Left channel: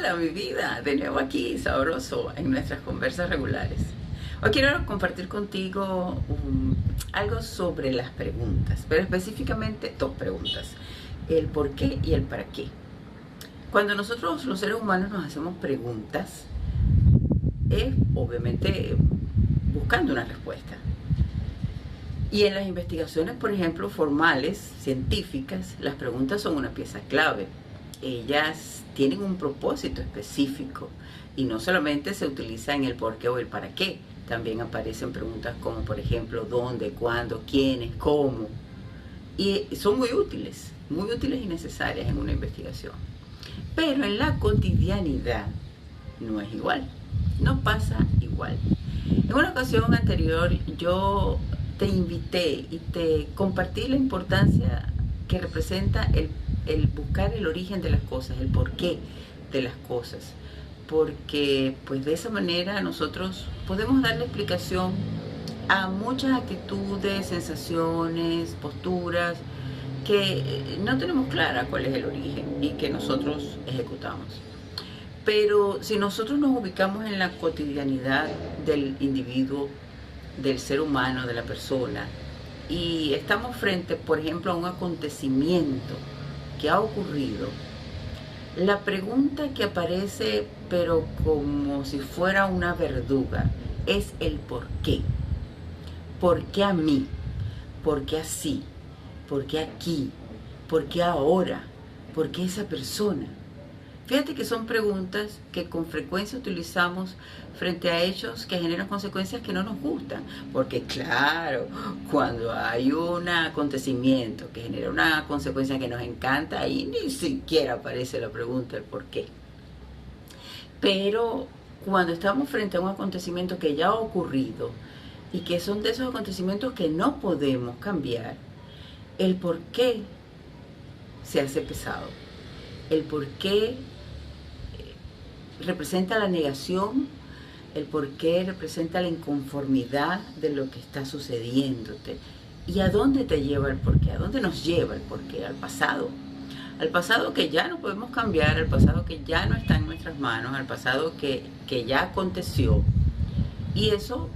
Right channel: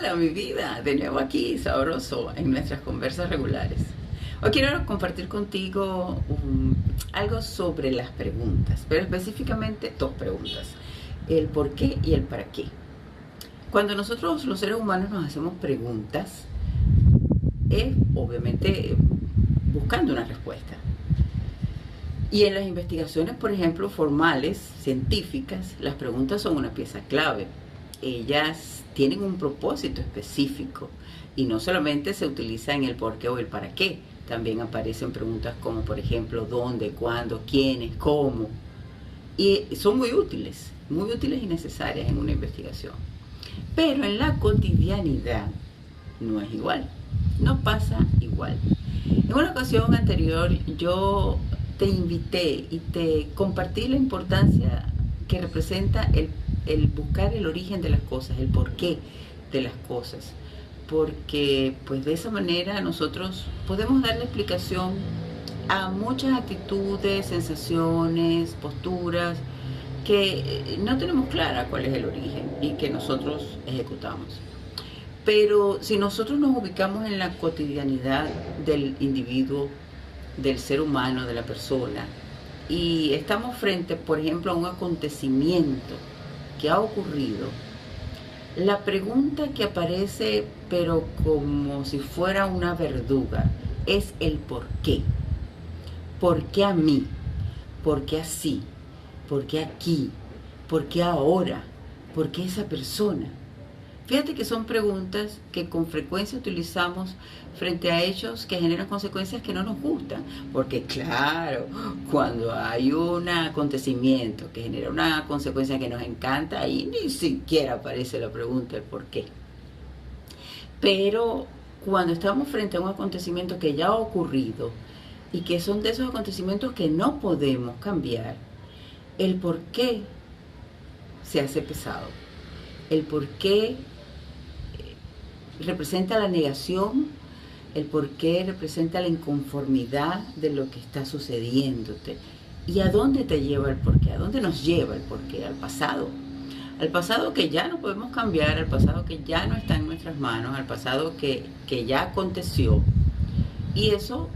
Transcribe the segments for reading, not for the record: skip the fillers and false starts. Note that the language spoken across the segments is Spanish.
Hola, mi vida, de nuevo aquí, sabroso, en nuestras conversas regulares. Hoy quiero compartir contigo algo sobre las preguntas, pero específicamente dos preguntas, el por qué y el para qué. Cuando nosotros los seres humanos nos hacemos preguntas, es obviamente buscando una respuesta. Y en las investigaciones, por ejemplo, formales, científicas, las preguntas son una pieza clave. Ellas tienen un propósito específico y no solamente se utiliza en el por qué o el para qué. También aparecen preguntas como, por ejemplo, dónde, cuándo, quiénes, cómo. Y son muy útiles y necesarias en una investigación. Pero en la cotidianidad no es igual, no pasa igual. En una ocasión anterior yo te invité y te compartí la importancia que representa el buscar el origen de las cosas, el porqué de las cosas, porque pues de esa manera nosotros podemos darle explicación a muchas actitudes, sensaciones, posturas que no tenemos clara cuál es el origen y que nosotros ejecutamos. Pero si nosotros nos ubicamos en la cotidianidad del individuo, del ser humano, de la persona, y estamos frente, por ejemplo, a un acontecimiento que ha ocurrido, la pregunta que aparece, pero como si fuera una verduga, es el por qué. ¿Por qué a mí? ¿Por qué así? ¿Por qué aquí? ¿Por qué ahora? ¿Por qué esa persona? Fíjate que son preguntas que con frecuencia utilizamos frente a hechos que generan consecuencias que no nos gustan. Porque claro, cuando hay un acontecimiento que genera una consecuencia que nos encanta, ahí ni siquiera aparece la pregunta del por qué. Pero cuando estamos frente a un acontecimiento que ya ha ocurrido y que son de esos acontecimientos que no podemos cambiar, el por qué se hace pesado. El por qué representa la negación, el porqué representa la inconformidad de lo que está sucediéndote. ¿Y a dónde te lleva el porqué? ¿A dónde nos lleva el porqué? Al pasado que ya no podemos cambiar, al pasado que ya no está en nuestras manos, al pasado que ya aconteció. Y eso,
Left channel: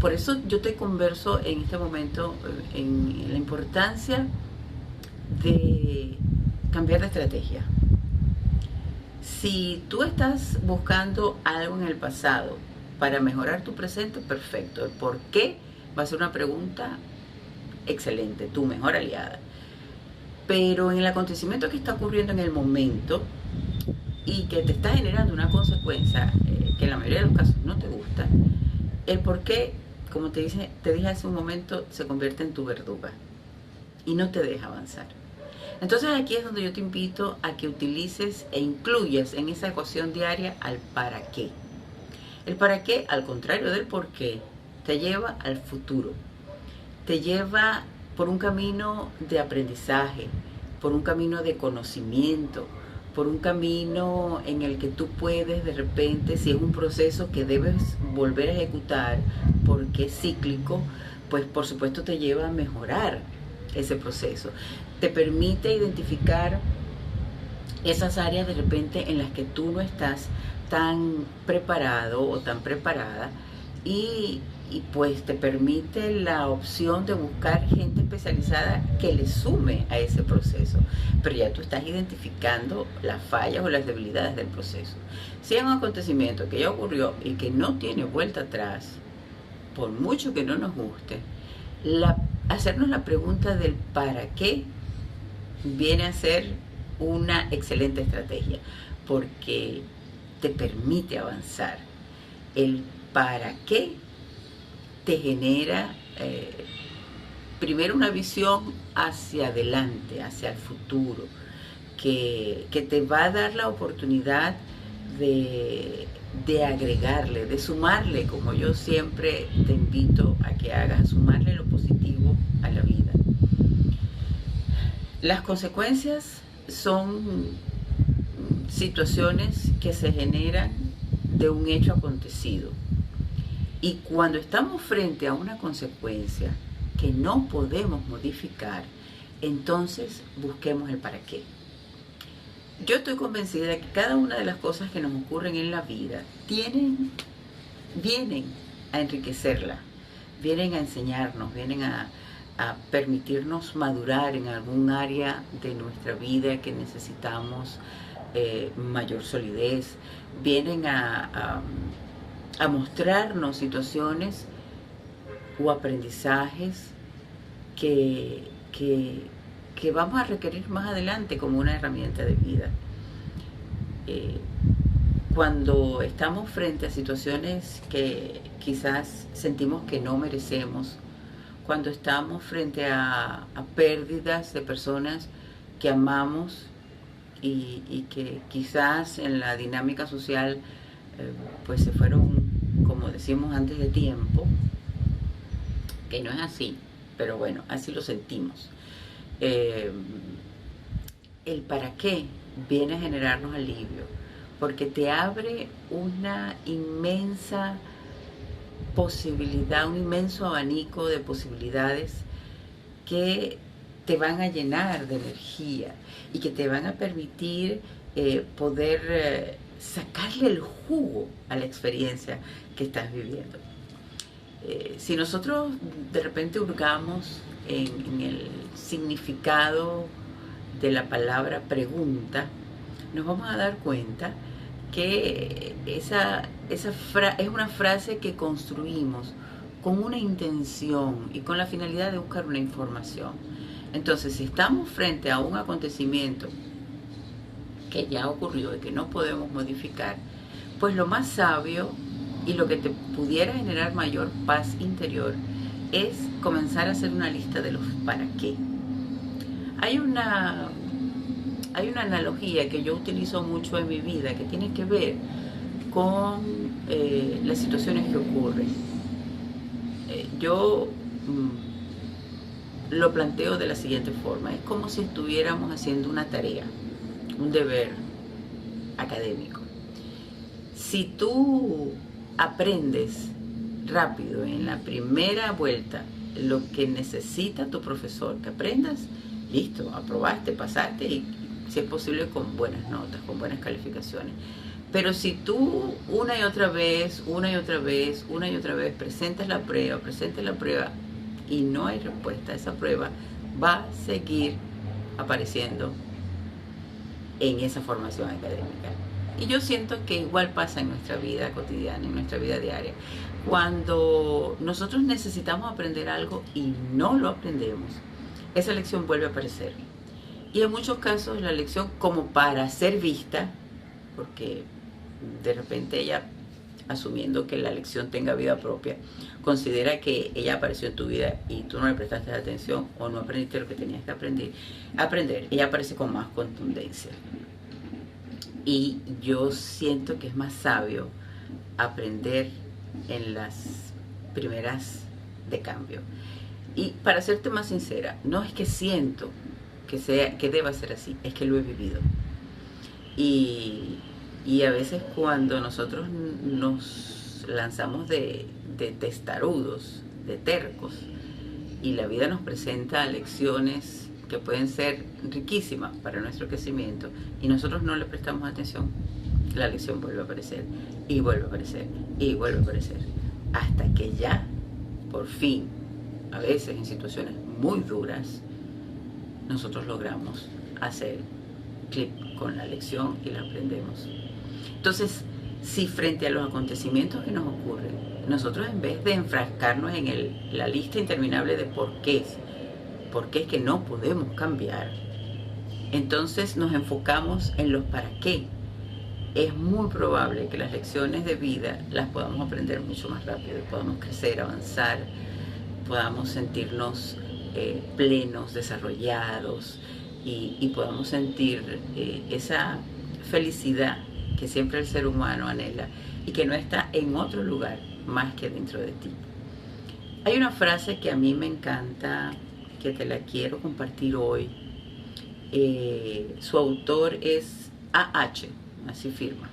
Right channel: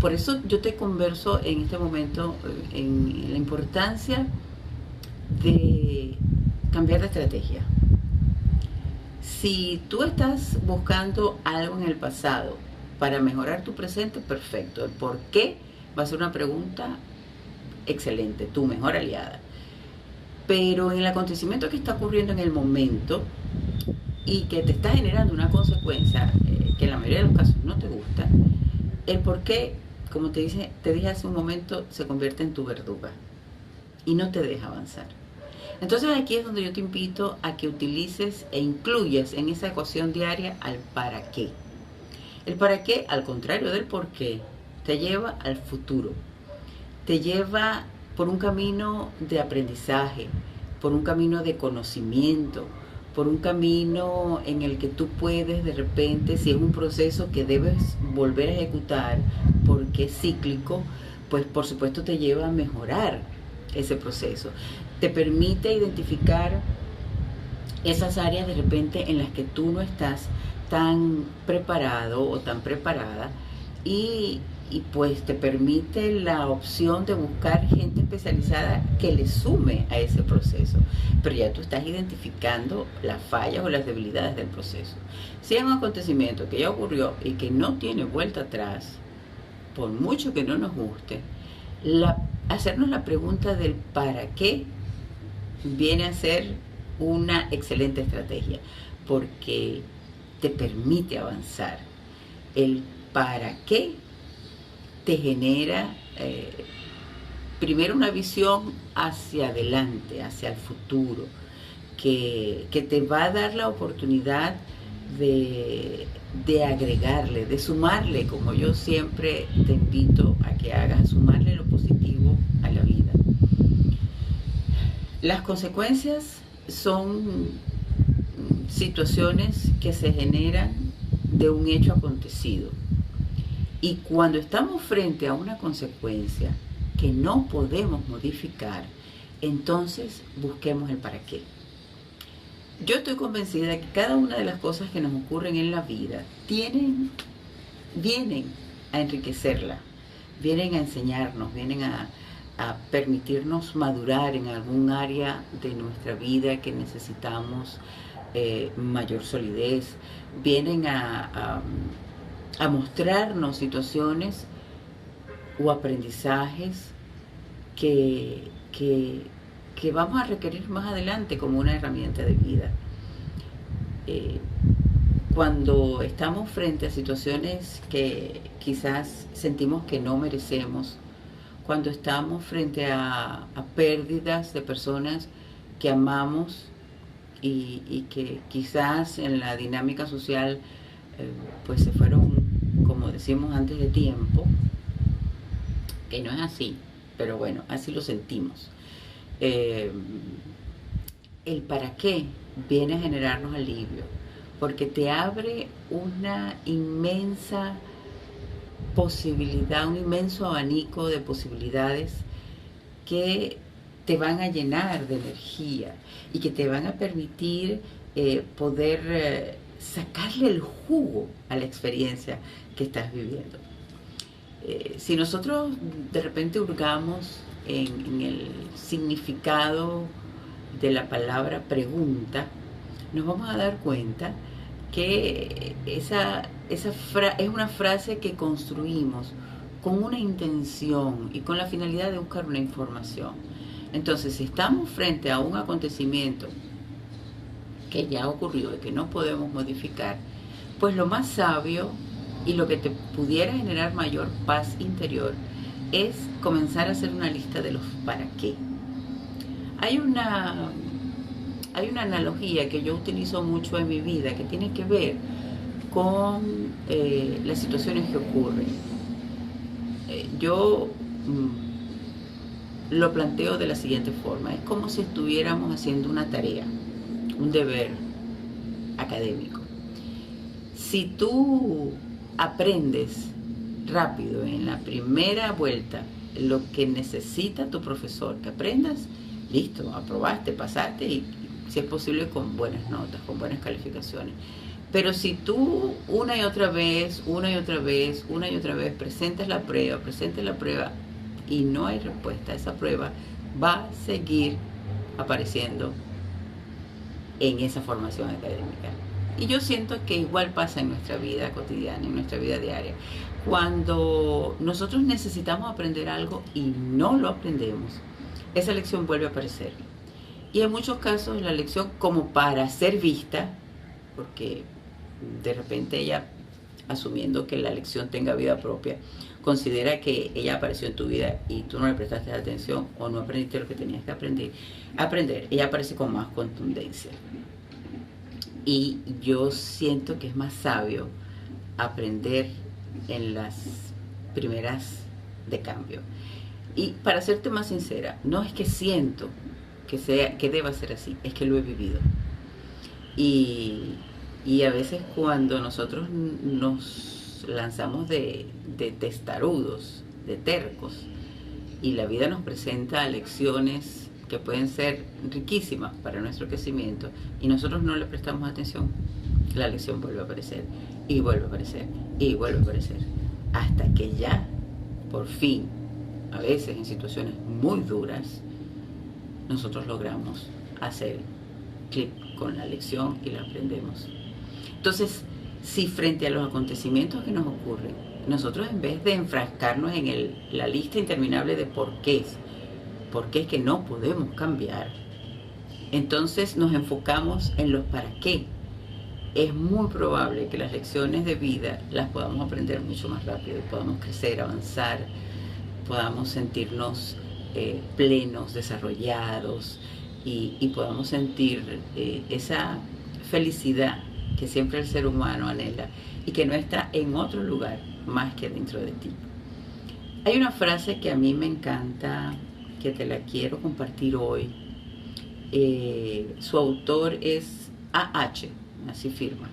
por eso yo te converso en este momento en la importancia de cambiar de estrategia. Si tú estás buscando algo en el pasado para mejorar tu presente, perfecto. El por qué va a ser una pregunta excelente, tu mejor aliada. Pero en el acontecimiento que está ocurriendo en el momento y que te está generando una consecuencia que en la mayoría de los casos no te gusta, el por qué, como te dije hace un momento, se convierte en tu verduga y no te deja avanzar. Entonces aquí es donde yo te invito a que utilices e incluyas en esa ecuación diaria al para qué. El para qué, al contrario del por qué, te lleva al futuro. Te lleva por un camino de aprendizaje, por un camino de conocimiento, por un camino en el que tú puedes de repente, si es un proceso que debes volver a ejecutar porque es cíclico, pues por supuesto te lleva a mejorar ese proceso. Te permite identificar esas áreas de repente en las que tú no estás tan preparado o tan preparada y pues te permite la opción de buscar gente especializada que le sume a ese proceso. Pero ya tú estás identificando las fallas o las debilidades del proceso. Si es un acontecimiento que ya ocurrió y que no tiene vuelta atrás, por mucho que no nos guste, hacernos la pregunta del para qué viene a ser una excelente estrategia, porque te permite avanzar. El para qué te genera primero una visión hacia adelante, hacia el futuro, que te va a dar la oportunidad de agregarle, de sumarle, como yo siempre te invito a que hagas, sumarle lo positivo a la vida. Las consecuencias son situaciones que se generan de un hecho acontecido. Y cuando estamos frente a una consecuencia que no podemos modificar, entonces busquemos el para qué. Yo estoy convencida de que cada una de las cosas que nos ocurren en la vida vienen a enriquecerla, vienen a enseñarnos, vienen a permitirnos madurar en algún área de nuestra vida que necesitamos mayor solidez, vienen a mostrarnos situaciones o aprendizajes que vamos a requerir más adelante como una herramienta de vida. Cuando estamos frente a situaciones que quizás sentimos que no merecemos, cuando estamos frente a pérdidas de personas que amamos y que quizás en la dinámica social pues se fueron, como decimos, antes de tiempo, que no es así, pero bueno, así lo sentimos. El para qué viene a generarnos alivio, porque te abre una inmensa posibilidad, un inmenso abanico de posibilidades que te van a llenar de energía y que te van a permitir poder sacarle el jugo a la experiencia que estás viviendo. Si nosotros de repente hurgamos en el significado de la palabra pregunta, nos vamos a dar cuenta que esa es una frase que construimos con una intención y con la finalidad de buscar una información. Entonces, si estamos frente a un acontecimiento que ya ocurrió y que no podemos modificar, pues lo más sabio y lo que te pudiera generar mayor paz interior es comenzar a hacer una lista de los para qué. Hay una analogía que yo utilizo mucho en mi vida que tiene que ver con las situaciones que ocurren. Yo lo planteo de la siguiente forma. Es como si estuviéramos haciendo una tarea, un deber académico. Si tú aprendes rápido en la primera vuelta lo que necesita tu profesor que aprendas, listo, aprobaste, pasaste y si es posible con buenas notas, con buenas calificaciones. Pero si tú una y otra vez presentas la prueba y no hay respuesta a esa prueba, va a seguir apareciendo en esa formación académica. Y yo siento que igual pasa en nuestra vida cotidiana, en nuestra vida diaria. Cuando nosotros necesitamos aprender algo y no lo aprendemos, esa lección vuelve a aparecer. Y en muchos casos la lección, como para ser vista, porque de repente ella, asumiendo que la lección tenga vida propia, considera que ella apareció en tu vida y tú no le prestaste atención o no aprendiste lo que tenías que aprender, ella aparece con más contundencia. Y yo siento que es más sabio aprender en las primeras de cambio. Y para serte más sincera, no es que siento que deba ser así, es que lo he vivido. Y a veces cuando nosotros nos lanzamos de testarudos, de tercos, y la vida nos presenta lecciones que pueden ser riquísimas para nuestro crecimiento, y nosotros no le prestamos atención, la lección vuelve a aparecer, y vuelve a aparecer, y vuelve a aparecer, hasta que ya, por fin, a veces en situaciones muy duras, nosotros logramos hacer clic con la lección y la aprendemos. Entonces, si frente a los acontecimientos que nos ocurren, nosotros en vez de enfrascarnos en la lista interminable de por qué es que no podemos cambiar, entonces nos enfocamos en los para qué, es muy probable que las lecciones de vida las podamos aprender mucho más rápido y podamos crecer, avanzar, podamos sentirnos plenos, desarrollados y podamos sentir esa felicidad que siempre el ser humano anhela y que no está en otro lugar más que dentro de ti. Hay una frase que a mí me encanta, que te la quiero compartir hoy. Su autor es A.H., así firma.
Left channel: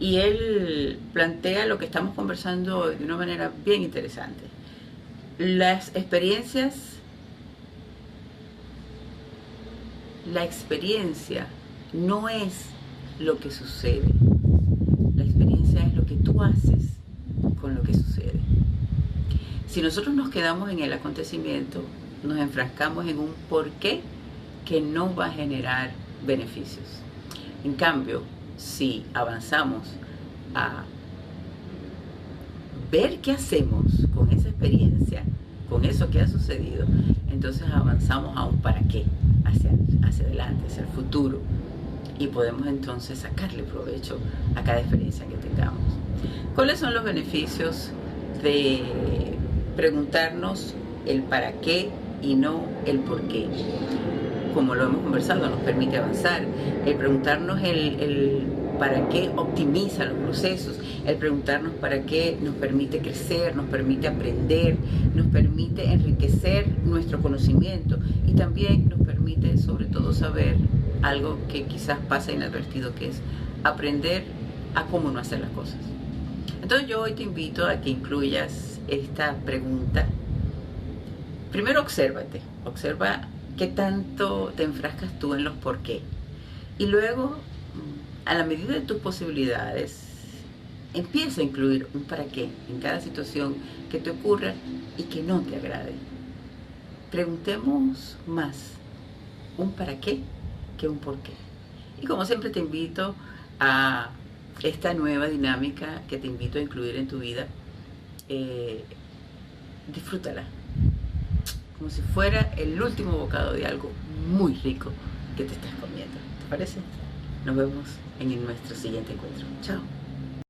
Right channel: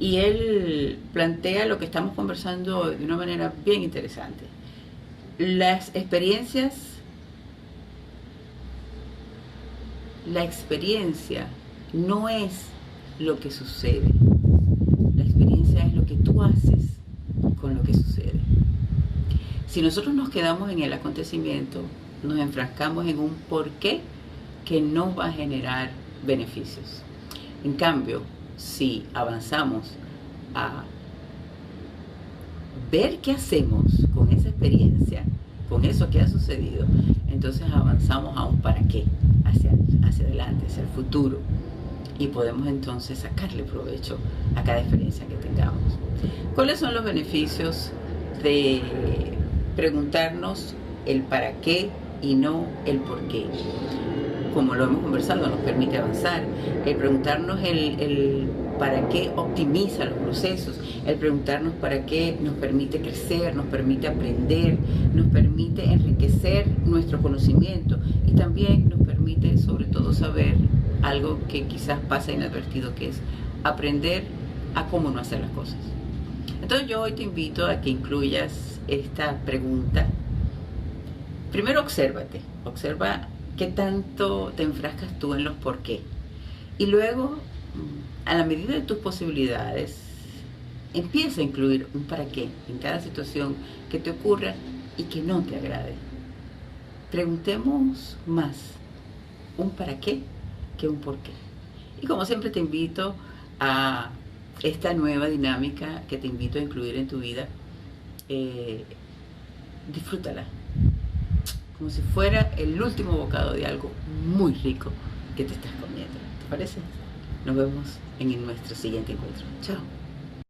Y él plantea lo que estamos conversando hoy de una manera bien interesante. la experiencia no es lo que sucede. La experiencia es lo que tú haces con lo que sucede. Si nosotros nos quedamos en el acontecimiento, nos enfrascamos en un porqué que no va a generar beneficios. En cambio, si avanzamos a ver qué hacemos con esa experiencia, con eso que ha sucedido, entonces avanzamos a un para qué, hacia adelante, hacia el futuro, y podemos entonces sacarle provecho a cada experiencia que tengamos. ¿Cuáles son los beneficios de preguntarnos el para qué y no el por qué? Como lo hemos conversado, nos permite avanzar. El preguntarnos el para qué optimiza los procesos. El preguntarnos para qué nos permite crecer, nos permite aprender, nos permite enriquecer nuestro conocimiento y también nos permite, sobre todo, saber algo que quizás pasa inadvertido, que es aprender a cómo no hacer las cosas. Entonces yo hoy te invito a que incluyas esta pregunta. Primero obsérvate, observa qué tanto te enfrascas tú en los por qué. Y luego, a la medida de tus posibilidades, empieza a incluir un para qué en cada situación que te ocurra y que no te agrade. Preguntemos más un para qué que un por qué. Y como siempre te invito a esta nueva dinámica que te invito a incluir en tu vida. Disfrútala como si fuera el último bocado de algo muy rico que te estás comiendo. ¿Te parece? Nos vemos en nuestro siguiente encuentro. Chao.